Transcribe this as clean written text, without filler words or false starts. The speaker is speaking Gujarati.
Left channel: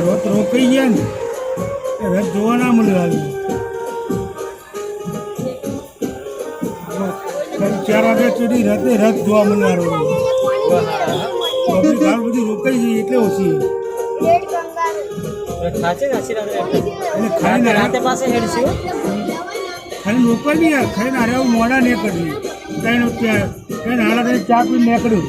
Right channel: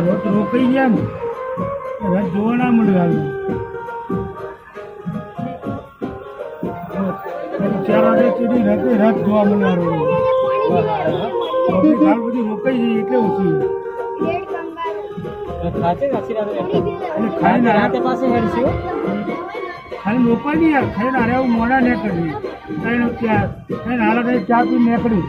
રથ રોકાઈ ગયા ને રથ જોવા ના મળ્યું. હાલ 4 વાગ્યા સુધી રથ જોવા મળવાનો. પબ્લિક હાલ બધી રોકાઈ જઈ એટલે ઓછી ખાલી રોકાઈ નહીં યાર. ખાઈને હારે આવું મોડા નીકળ્યું કઈ હાલા ચા પી નીકળ્યું.